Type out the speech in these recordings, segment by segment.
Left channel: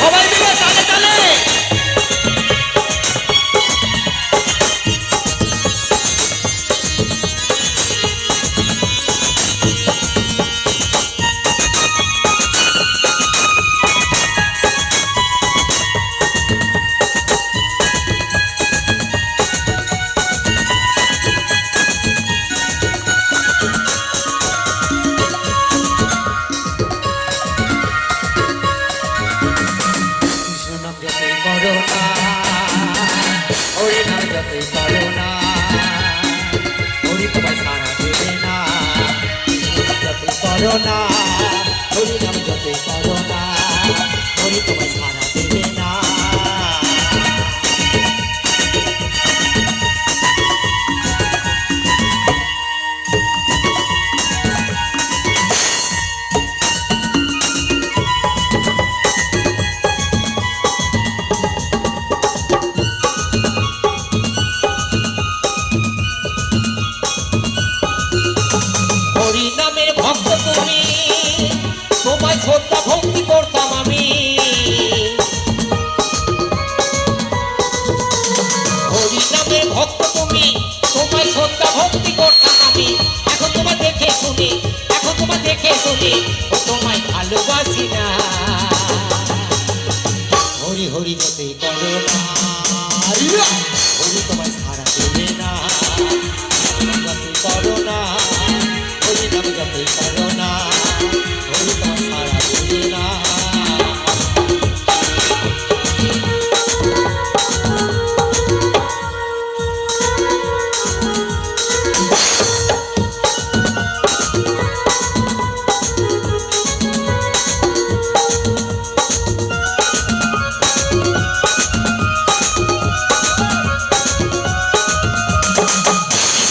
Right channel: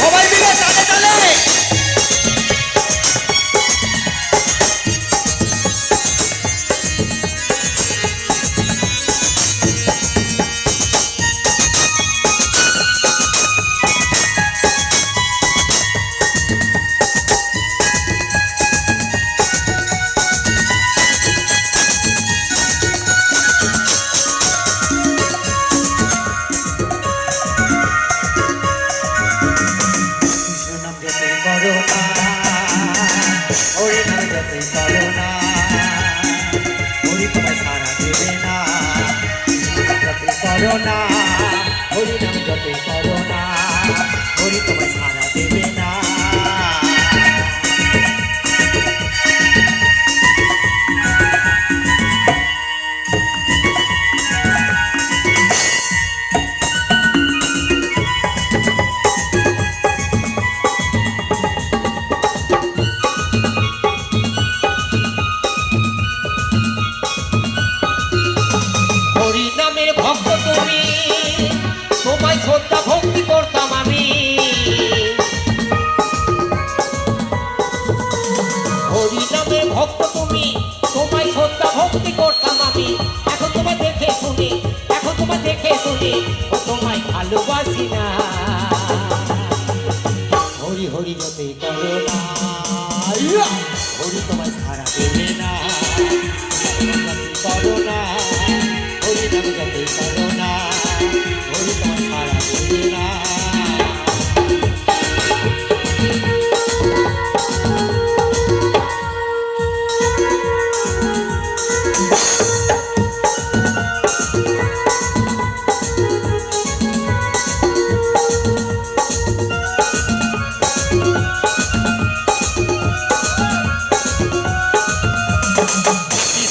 সবাই মিলে তালে তালে করোনা হরি নাম জপে করোনা হরি তোমায় সারা দেবে না। হরি নামের ভক্ত তুমি, তোমায় শ্রদ্ধা ভক্তি করতাম আমি। হরি নামের ভক্ত তুমি, তোমায় শ্রদ্ধা ভক্তি করতাম আমি। এখন তোমায় দেখে শুনি, এখন তোমায় দেখে শুনি, ও তোমায় ভালোবাসি না। হরি হরি যতই করো না, হরি তোমায় সারা দেবে না। করো না হরি নাম জপে করো না, হরি তোমায় সারা দেবে না।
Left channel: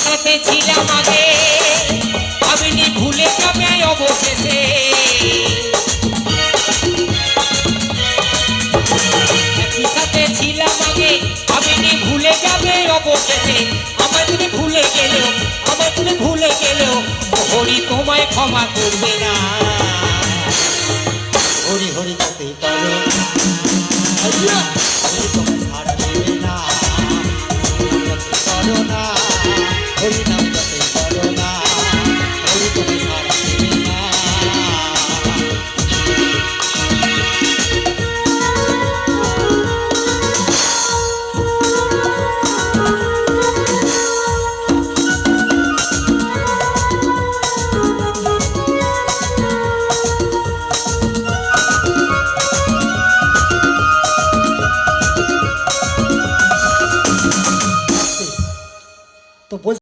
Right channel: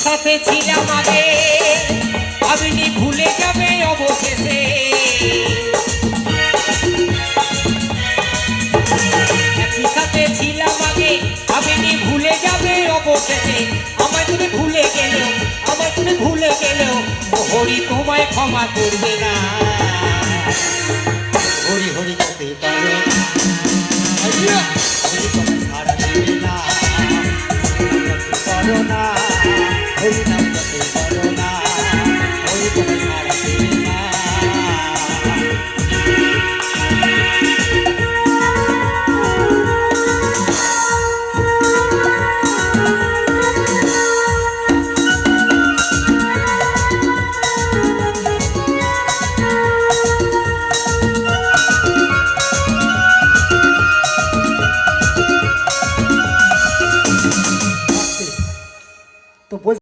সাথে ছিলাম আগে, আপনি ভুলে যাবে অবশেষে। একই সাথে ছিলাম আগে, আপনি ভুলে যাবে অবশেষে। আমার তুমি ভুলে গেলেও, আমার তুমি ভুলে গেলেও, হরি তোমায় ক্ষমা করবে না। হরি হরি করতে পারো, হরি তোমায় ছাড়া দেবে না। করো না হরি নাম জপে করো না, হরি তোমায় সারা দেবে না। তো